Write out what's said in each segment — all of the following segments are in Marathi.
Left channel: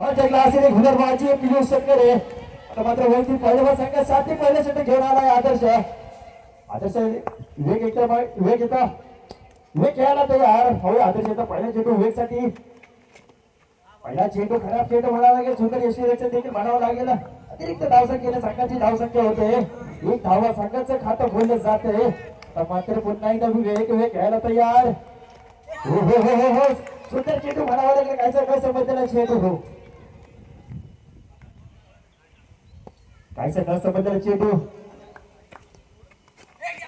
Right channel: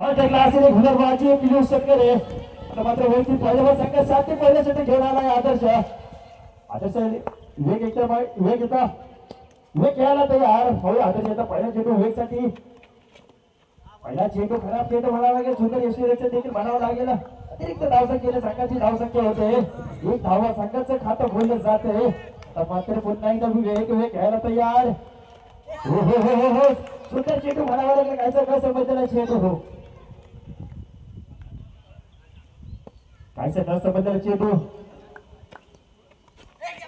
क्लासने घुलरबाजी पियुष शेतकरे आता मात्र वैयक्तिक पहिल्यावर संघ 7 ते पहिल्यासाठी घेऊन आलाय आदर्श विवेक येतो विवेक येतो विवेक खेळायला तयार हो आदर्श येतो पहिल्या चेंडू विवेकसाठी पहिला चेंडू खराब चेंडू म्हणावा लागेल सुंदर यशवीरचं देखील म्हणावं लागेल अतिरिक्त धावसंख्येने संघाची धावसंख्या होते एक धावा संघाचं खातं बोललं जाते तर मात्र पुन्हा एकदा विवेक खेळायला तयार हो हो हो हो हो सुंदर चेंडू म्हणावा लागेल काय समजला चेंडू हो काय समजला चेंडू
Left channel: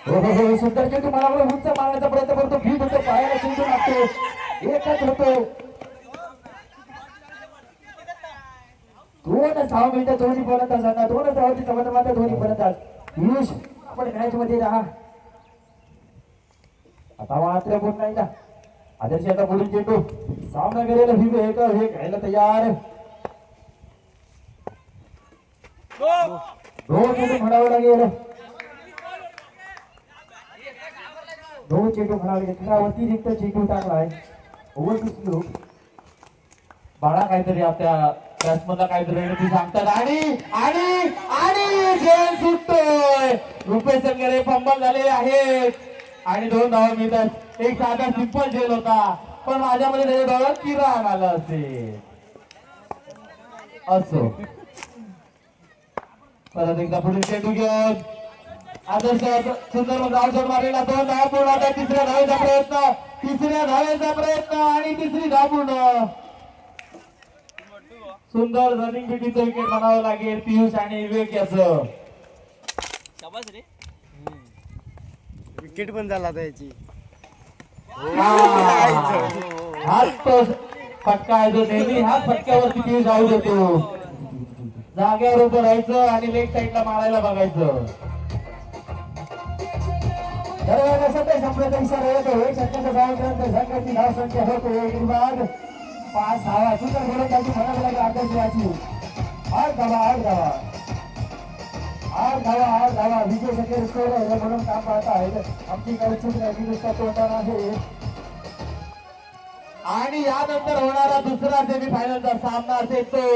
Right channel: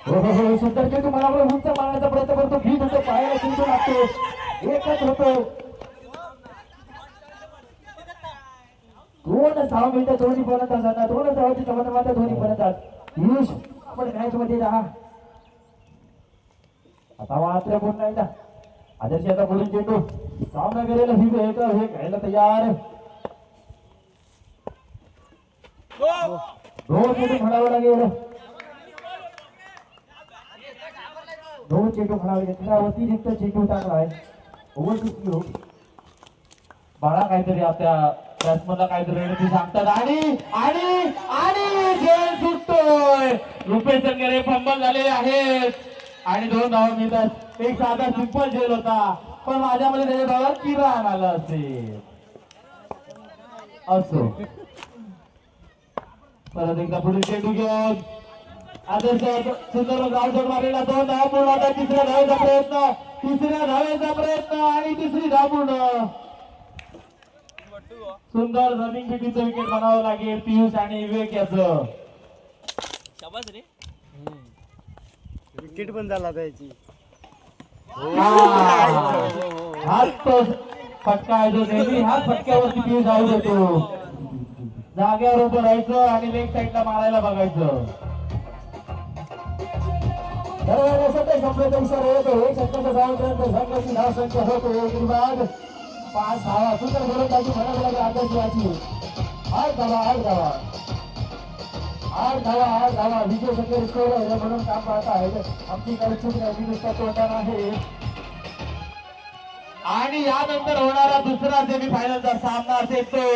हो हो हो सुंदर चेंडू म्हणावा उंच मारण्याचा प्रयत्न करतो भीत होतो पायाला चेंडू लागतो एकच होतो 2-6 मिनिटं दोन्ही फलंदाजांना 2 धावांची समर्थनात दोन्ही फलंदाज पियुष आपण मॅच मध्ये राहा आता मात्र पुन्हा एकदा आदर्श आता पुढील चेंडू सामना करेल विवेक हे खेळायला तयार दोन चेंडू म्हणावे लागेल दोन चेंडू म्हणावे लागेल अतिरिक्त चेंडू टाकलाय ओव्हर बाळा काहीतरी आपल्या बॅट्समनला काहीतरी रणनीती सांगतात आणि आणि आणि झेल सुटतोय रुपेश संघरे फंबल झालेले आहेत आणि 2 धावा मिळतात एक साधा सिंपल झेल होता पण माझ्यामध्ये त्याच्या धावा किरण आलं असेल असो परत एकदा पुढे चेंडू घेऊन आदर्श सुंदर धावशॉट मारलेला 2 धावा पूर्ण आता तिसऱ्या धावेचा प्रयत्न आणि तिसरी धाव पूर्ण सुंदर रनिंग बिटीचं विकेट बनावं लागेल पियुष आणि विवेक याचं विकेट पण झाला त्याची हाच तो फटका आहे जो नेहमी ह्या फटक्यावरती पियुष आऊट होतो जागेवर उभं राहायचं आणि लेग साईडला मारायला बघायचं बरोबर सध्या संपल्याचा इशारा येतो एक षटकाचा धावापर्यंत संघाची धावसंख्या होतो एक विभाग 5 धावा सुंदर गोलंदाजी म्हणावी लागेल आदर्शची 8 धावा विजय शकेल स्कोर आहे म्हणून काम पाहत आहेत आमची काही चूक नाही नुसता तोटा नाही आणि यानंतर होणारा दुसरा सेमीफायनलचा सामना असेल तो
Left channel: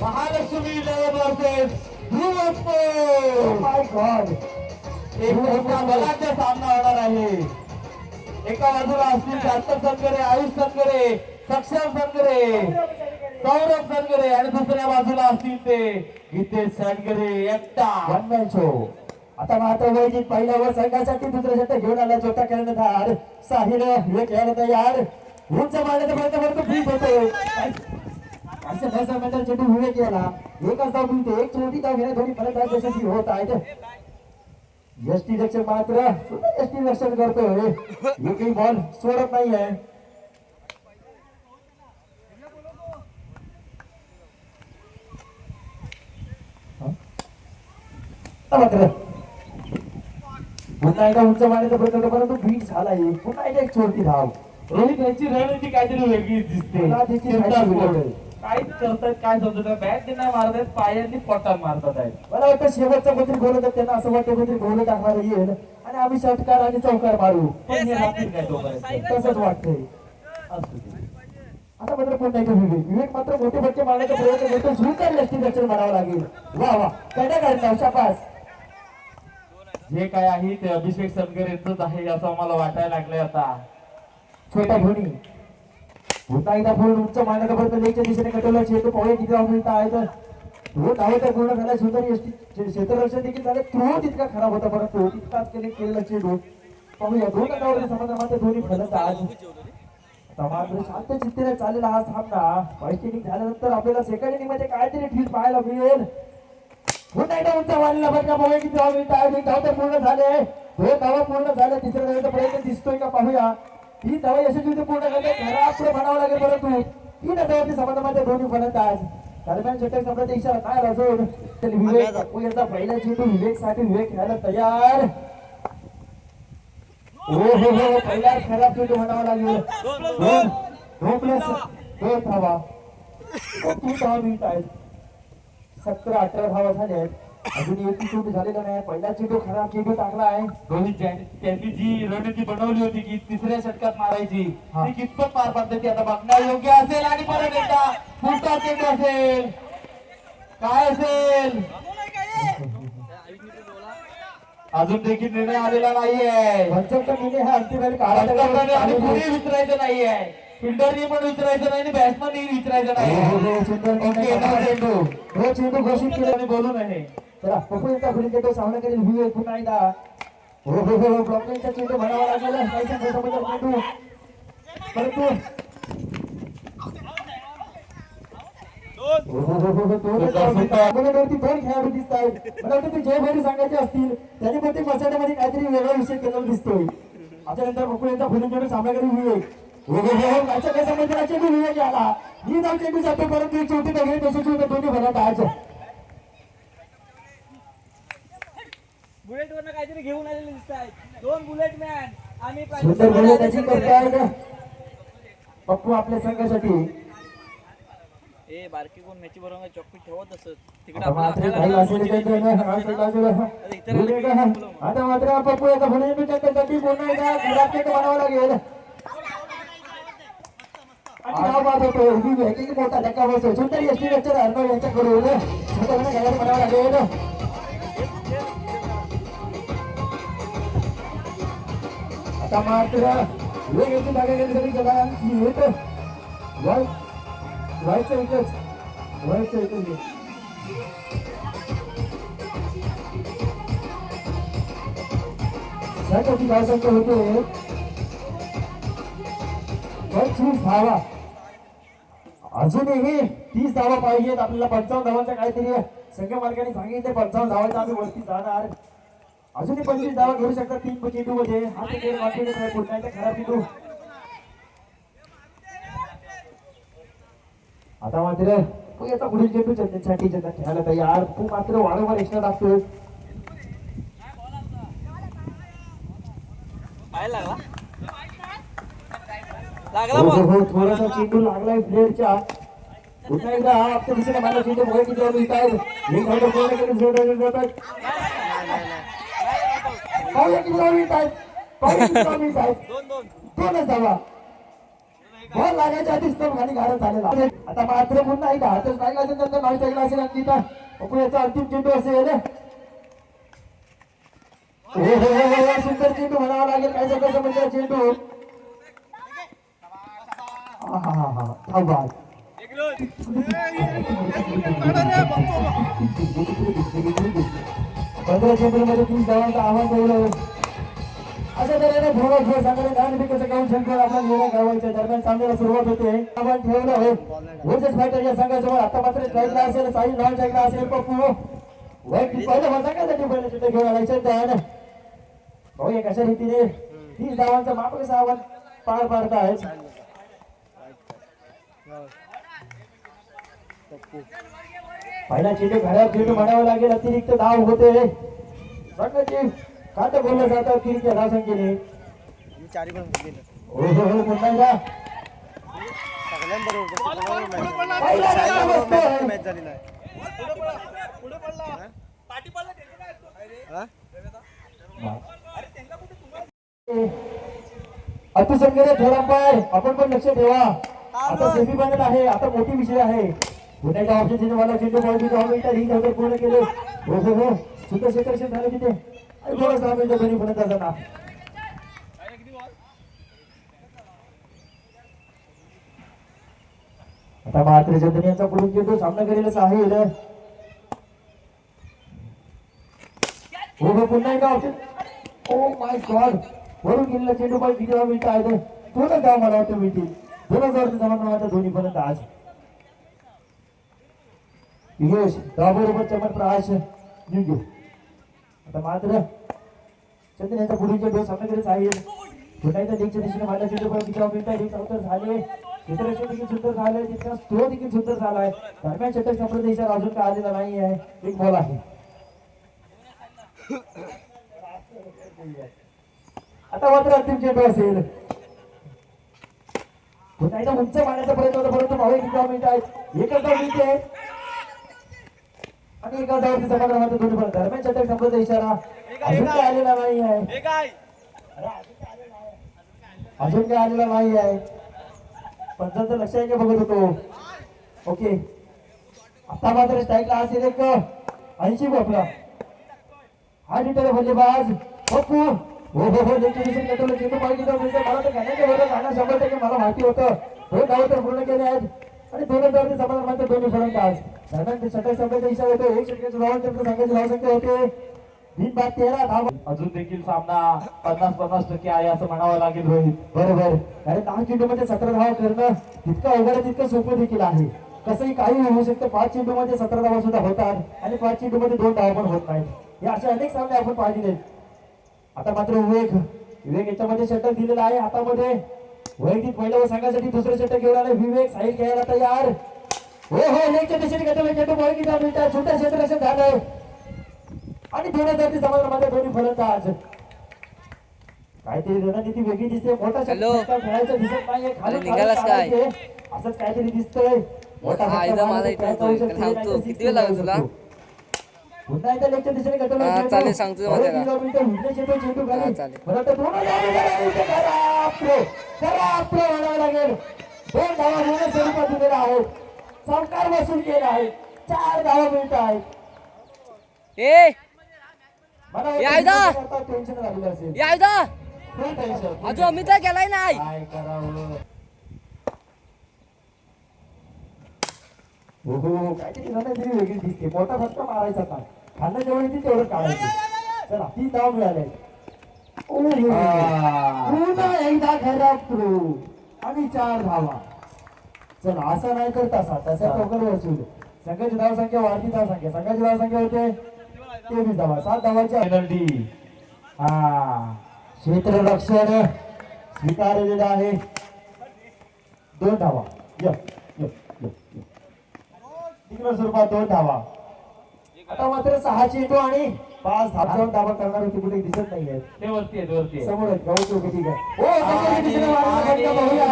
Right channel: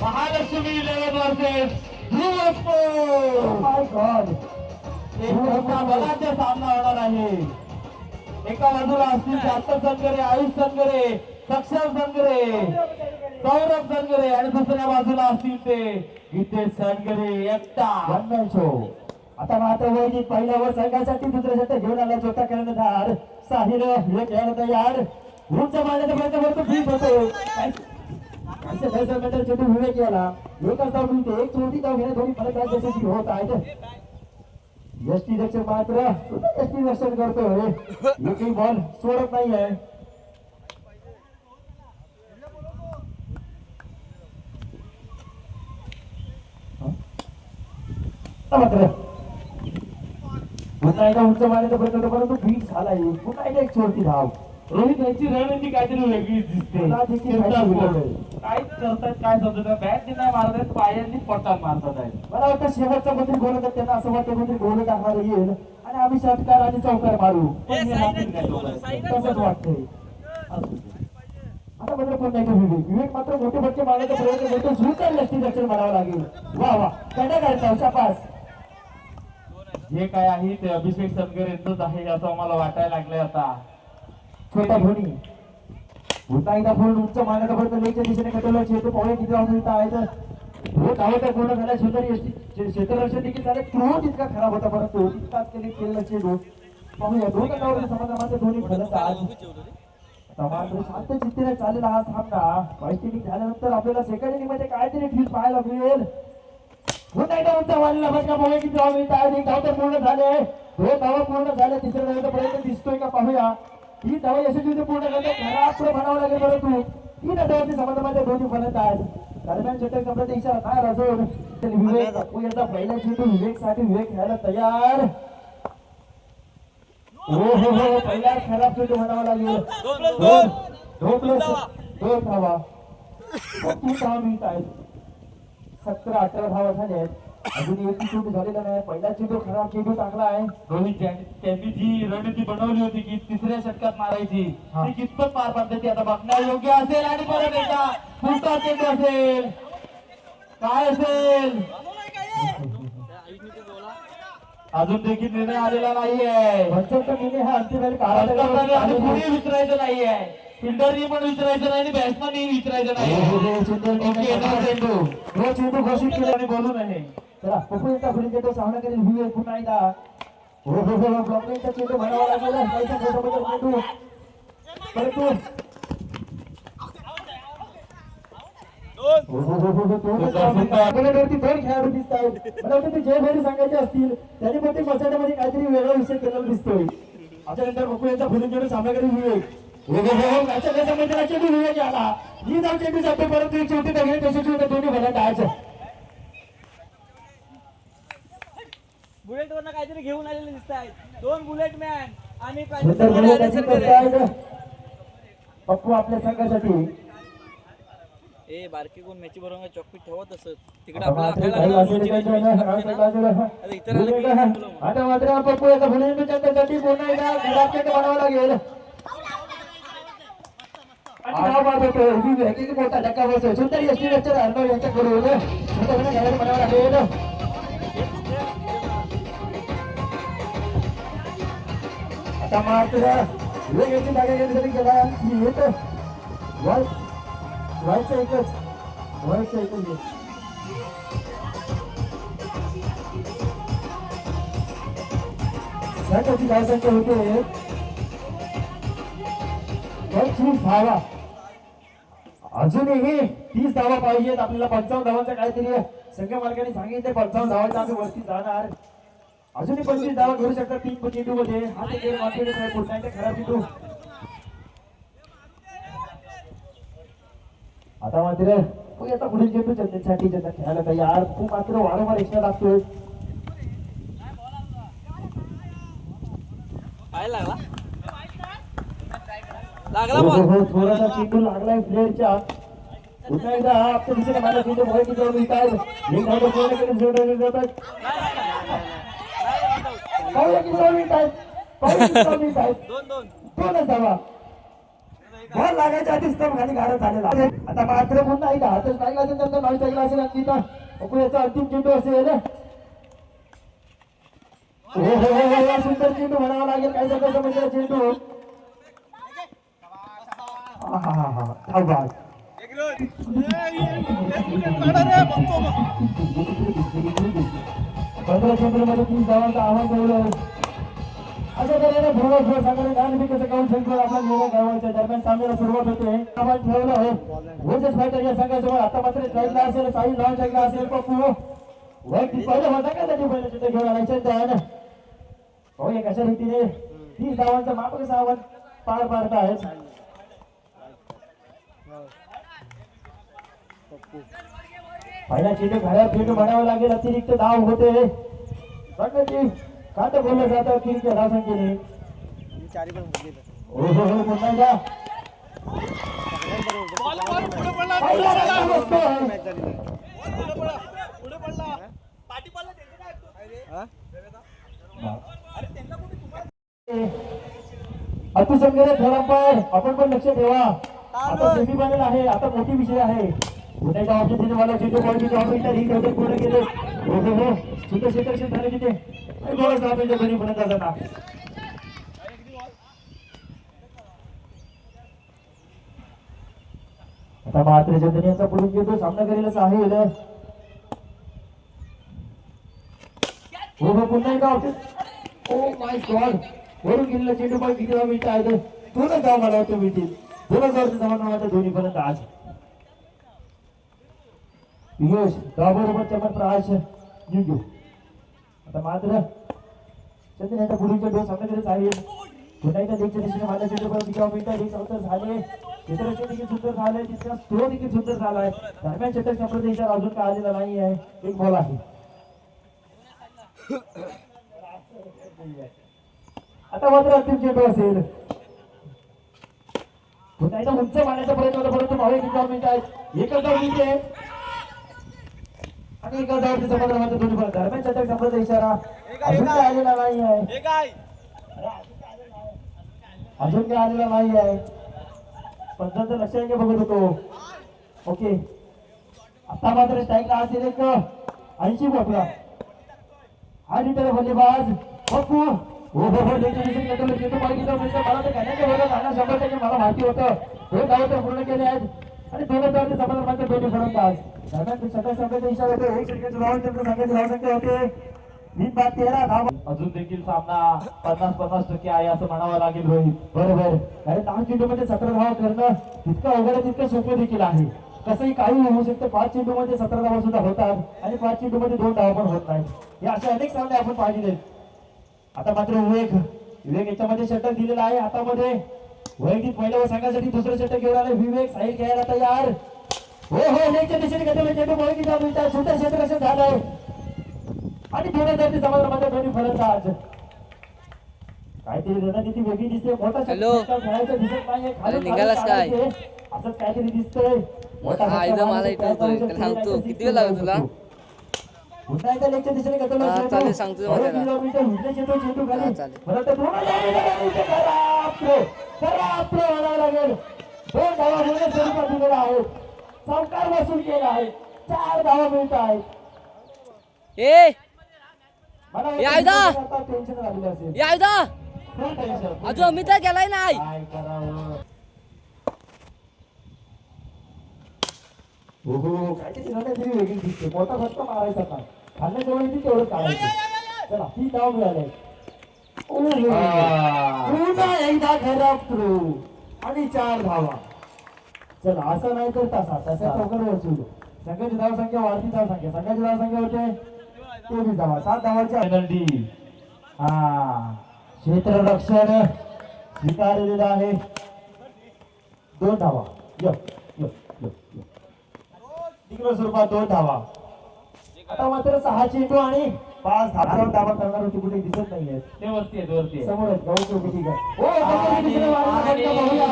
महालक्ष्मी 11 वर्सेस ध्रुव स्पोर्ट्स माय गॉड एक मोठा बलाचा सामना होणार आहे एका बाजूला असतील सार्थक संगरे आयुष संगरे सक्षम संगरे सौरभ संगरे आणि दुसऱ्या बाजूला असतील ते गीतेश संगरे एकटा जन्मांचो आता मात्र वैदिक पहिल्यावर संघासाठी दुसऱ्या षटक घेऊन आला छोटा कर्णधार साहिल हे खेळायला तयार उंच मारण्याचा प्रयत्न करतो ठीक होतो असे 10 मीटर चेंडू विवेक याला एकच धाव मिळते एक छोटी धाव घेणे थोडी फलक यशस्वी होत आहेत यष्टी रक्षण मात्र यष्टी रक्षण करतोय एकही बॉल सोडत नाही आहे मात्र पुन्हा एकदा उंच मारण्याचा प्रयत्न परंतु बीट झालाय पुन्हा एकदा एक छोटी धाव रोहित यांची रणनीती काहीतरी वेगळी दिसते काहीच करतात काय समजत बॅट नाही मारत आहेत पायांनी पट्टा मारतात आहेत मला वाटतं शेवटचा मंत्री गोलंदाज त्यांना असं वाटतं मंत्री गोल टाकणार येईल आणि आम्ही षटकार आणि चौकार मारू तसंच वाटतंय आता मात्र पुन्हा एकदा विवेक मात्र मोठे फटके मारण्याचा प्रयत्न करतो झुकर यष्टी रक्षण म्हणावं लागेल वा वा कडे काढता शाबास जे काय आहे ते अभिषेक संगर यांचंच आहे असं आम्हाला वाटायला लागलंय आता छोटा धोनी पुन्हा एकदा फुल उंच मारण्याचा प्रयत्न लेगच्या दिशेने कटवला चेंडू पावळे किती धाव मिळत आहेत हो धाव तर पूर्ण झाला सुंदर यष्टी क्षेत्ररक्षण देखील झालं तो तितका खराब होता परंतु तितकाच केलेला चेंडू पाहूया 2 धावांच्या समाधानामध्ये दोन्ही फलंदाज मात्र शांत चित्तेने चाललेला हा सामना फर्स्ट इनिंग झाल्यानंतर आपल्याला सेकंड इनिंग मध्ये काहीतरी ठीक पाहायला मिळेल पुन्हा एकदा उंच मारलेला फटका पाहूया किती धाव मिळत आहेत 1 धाव तर पूर्ण झाले 2 धावा पूर्ण झाल्या तिसऱ्या धावेचा प्रयत्न दिसतोय का पाहूया 3 धावा यशस्वी पूर्ण करणे घरापुढे म्हणावं लागेल परंतु 3 धावांच्या समाधानामध्ये दोन्ही फलंदाज दरम्यान षटक संपल्याचा इशारा काय राजू विवेक याचा पहिला चेंडू विवेकसाठी विवेक खेळायला तयार हो हो हो पहिला खराब चेंडू म्हणावा लागेल 2 धावा 3 धावा मिळत आहेत 17-18 धावा झाल्या अजून एक चेंडू झालेला नाही. पहिला चेंडू खराब चेंडू टाकला आहे. रोहित त्यांनी जी रणनीती बनवली होती की तिसऱ्या षटकात मारायची हा. ती कितपत पार पडते ती आता बघणं योग्य असेल. आणि परत एकदा पुढचा चेंडू असेल, काय असेल अजून देखील निर्णय आलेला नाहीये. पंचांचा निर्णय हा अंतिम वेळी पंचांनी आणि पुढे काढायचा. विचारायचं नाहीये, फिल्डरनी पण विचारायचं नाही आणि बॅट्समननी विचारायचं नाही. ओके, येणार चेंडू हे चेंडू घोषित केला. आणि बोलू नये. चला पपुलचा पुढील चेंडू सामना करेल व्ह्यू पुन्हा एकदा. हो ब्लॉकिंगचा चेंडू म्हणावा लागेल. काहीसा मोठा चेंडू परंतु आपल्यावरती दोन खेळाडू दिसत आहेत. मला वाटतं ते जयभरी सांगायचे असतील त्यांनी प्रत्येक मसाल्यामध्ये काहीतरी वेगळा विषय केलेला दिसतोय. त्याच्यानंतर पपुलचा पुढील चेंडू सामना करेल व्ह्यू. चेंडू व्ह्यू आला. ही जाऊ चेंडू जाते परंतु एक शेवटी बघेल तशी दोन्ही भरत आज बुलेट वरनं काहीतरी घेऊन आलेले दिसत आहेत. दोन बुलेट मॅन आणि सुंदर गोलंदाजी करतायत पप्पू आपल्या संघासाठी. ए बारकी कोण मॅची बरोबर चौकीत ठेवत असत तिकडे आता मात्र काही असेल काही आता मात्र पप्पू याचा पुढे त्याच्यासाठी पुन्हा एकदा घरात चेंडू बनावं लागेल. मोठा धक्का बसतो. सुंदर एसटी लेक्चर अर्णव यांच्याकडून बनावं लागेल. आता मात्र वेगळी जागा जरी गेला की येतो व्हायचं एकच त्यासाठी धावसंख्या होते 30 धावा. अजूनही 30 धावा पाहिजेत आपल्याला. 55 धावांचा काहीतरी संघ मालकाने सांगितलं. 55 धावांचा आम्ही वरती जाणार. अजूनही 25 धावा घेऊ शकतात 3 चेंडू मध्ये. हा ते गेम कॉन्फिडन्स आहे पुन्हा एकदा खराब चेंडू. आता मात्र याचा पुढील चेंडू चंदनसाठी ज्यांना खेळायला तयार. खूप मात्र वारंवार एक्स्ट्रा लागतोय. थोडासा चेंडू लागलाय प्लेअरच्या. पुन्हा एकदा हा आजच्या दिशेने मला चेंडू मोठी जाऊन येत आहेत. एक धावा पूर्ण केली जोडले जातात. दोनच धावा बॉल लागायच्या आधीच ते खाली गाडा झालेला. आता मात्र पुन्हा एकदा हातच लागला असेल त्यांचा नाव टाकला असेल आणि तिथं बघू याचा अंतिम चेंडू असेल. सुंदर चेंडू म्हणावा लागेल. काय सांगायचं म्हणजे चेंडू 15 चेंडूमध्ये 30 धावांचा आव्हान ठेवलं. अशा तऱ्हेने थोडं खेळ साधारण 10 मिनिटाचं काम संपलं. आपल्या निर्णय करायच्या दरम्यान सामन्याला सुरुवात होते. आव्हान ठेवलं आहे वर्सेस फायटर या संघासमोर. आता मात्र स्ट्राईकला असेल, साई लॉन स्ट्राईकला असेल. पप्पू वैयक्तिक पहिल्या संघासाठी पहिलं चित्र घेऊन आलाय त्यानं. भाऊ कशा रीतीने 30 धावांचं मात्र कसं आव्हान पार पाडत आहेत. पहिला चेंडू खराब चेंडू म्हणावं लागेल. अतिरिक्त धाव होते. काट बोललं जातं अतिरिक्त धावसंख्येने. पुन्हा एकदा अतिसंगरे थोरांपार आपण पण लक्ष ठेवा. आता सेमी फायनल आहे. आता मोठी विषय आहे. पुन्हा एकदा आपल्या तिथे मला चेंडू पाहिजे ही धावते पूर्ण केले. सुंदर क्षेत्रक्षण झालं तिथे. थोडं 6 मिनिटं घरी पर्यंत जाताना आता मात्र चंदन यांचा पुढील चेंडू सामना करेलच आहे. पुन्हा एकदा ओ माय गॉड वरून गेलेला चेंडू पण किती मिनिटं आहे. दोनच धाव मला वाटतं मिळतील. 2000 समाधान दोन्ही पर्यंत आज यश दाबोरीवर चमत्प्रकाश निघू. आता मात्र चंदन यांचा पुढील चेंडू सामना करेलच आहे. पुन्हा एकदा देखील दिशेने मला चेंडू पण किती मिनिटं एक अवतर झाले. क्षेत्ररक्षण देखील सुंदर झालंय. तिथला स्ट्रो देखील सुंदर झालाय. दरम्यान षटक संपल्याचा इशारा अजून काय आलेला नाही आहे. एक बॉल आहे. आता मात्र अंतिम चेंडू असेल. पुन्हा एकदा उंच मारण्याचा प्रयत्न होता परंतु भाऊ किती मिनिट आहेत. एकच धाव मिळते. आणि एका जावरती समाधान मात्र दोन्ही फलंदाज दरम्यान षटक संपल्याचा इशारा अजून काय आलेला नाही आहे. हे काय अजून काय आलेला नाही आहे. पंचांचं लक्ष आहे का बघत होतो. ओके आता मात्र स्ट्राईकला असेल एक 80 आपला हा रिटर्न बल्लेबाज पप्पू हो डेस्टिनेशन कंट्रोल चेंडू माहिती मला तर घेण्याच्या वेळेला जाणार 100% मला माहिती होतं. हो धाव तर पूर्ण केले आहेत आणि दोन धावचे समाधान मात्र दोन्ही फलंदाज दरम्यान षटक संपल्याचा इशारा येतो. एक षटकाच्या धावांच्या संघाची धावसंख्या होते 13 धावा. अजून देखील सामना 50-50% आहे असं म्हणावं लागेल रोहित. बरोबर कारण 10 चेंडूमध्ये 17 धावा करणं तितकं अवघड आहे तितकं सोपं देखील आहे. तसंही काही होऊ शकतं. 5 चेंडूमध्ये 17 धावा सुद्धा होतात आणि 5 चेंडूमध्ये 2 धावा पण होत नाहीत. हे असे अनेक सामने आपण पाहिले. आता मात्र विवेक याच्यामध्ये षटक दिलेला आहे. हातामध्ये वैदिक महिला संघासाठी दुसरं षटक घेऊन आले. विवेक साहिल खेळायला तयार. हो लेगच्या दिशेने घेतलेला चेंडू वैदिक मिळतात. छोट्या क्षेत्ररक्षण झालं आणि दोन्ही समाधानामध्ये दोन्ही फलंदाज काहीतरी रणनीती वेगळी दिसते. मोठा षटक खेळायचं दिसत नाहीये. अरे निघालास काय? असंच काहीतरी दिसतंय. हा इथं मला इथं थांबतो. किती वेळ लागेल तुला? पुन्हा एकदा लेगच्या दिशेने घेतलेला हा चेंडू. चालेल सांगतो मग त्याला. चेंडू हा खाली. चालेल. खरं तर पूर्ण म्हणावं लागेल. 2 धावा होणं स्वरूपात दिलेला आहे. चौकार वसूल केला आहे. 4 धावा मिळत आहेत. ए मला यायदा! टेन्शन लागलं असेल. यायदा फुल टेन्शन. अजून अमित गेलाय नाही. काय करावं. काहीतरी रणनीती वेगळी दिसते. मोठा फटका मारायचा नाही. खाल्ल्याच्या वेळी ती तेवढं काढायचं. चला 3 धाव मिळाले. पुन्हा एकदा खराब थ्रो आणि 4 धावा. चला असं नाही तर तसा टोकर वसूल. संघाची धाव संख्या वाढती धाव संख्या. संघाची धाव संख्या होते 23 धावा. 7 धावाच्या पेनल्टी. क्षेत्ररक्षण स्वीकारलेलं आहे. 2 धावा. तिकडं स्वरूपात 2 धावा. आता मात्र 6 चेंडू आणि 5 धावा करणार होती. कुठे दिसत नाहीये. ते वरती आहे. समोर आहेत. गावची उभी ठीक आहे. समोरच्या दिशेने मारलेला फटका बघूया.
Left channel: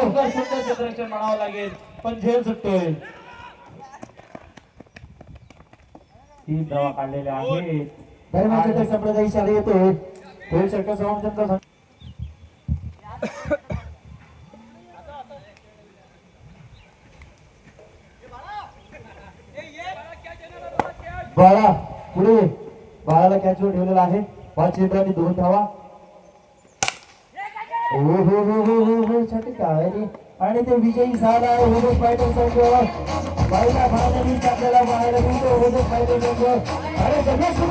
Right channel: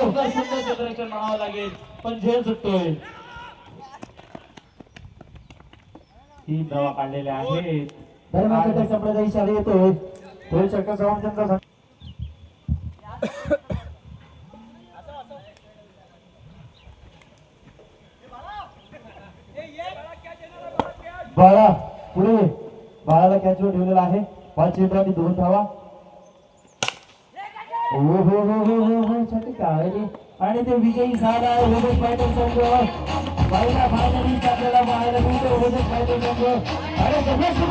सुंदर क्षेत्ररक्षण म्हणावं लागेल पण झेल सुटतोय. 3 धावा काढलेल्या आहेत. दरम्यान षटक संपल्याचा इशारा येतोय. दोन षटक समाप्त. बाळा पुढे बाळाला कॅचवर ठेवलेला आहे. 5 चेंडू आणि 2 धावा. हो षटक आहे आणि ते विजयी झाला आहे. विवेक फायटर संघ पहिला फायनलिस्ट आपल्याला पाहायला मिळतो. विवेक फायटर संघ अरे जबरदस्त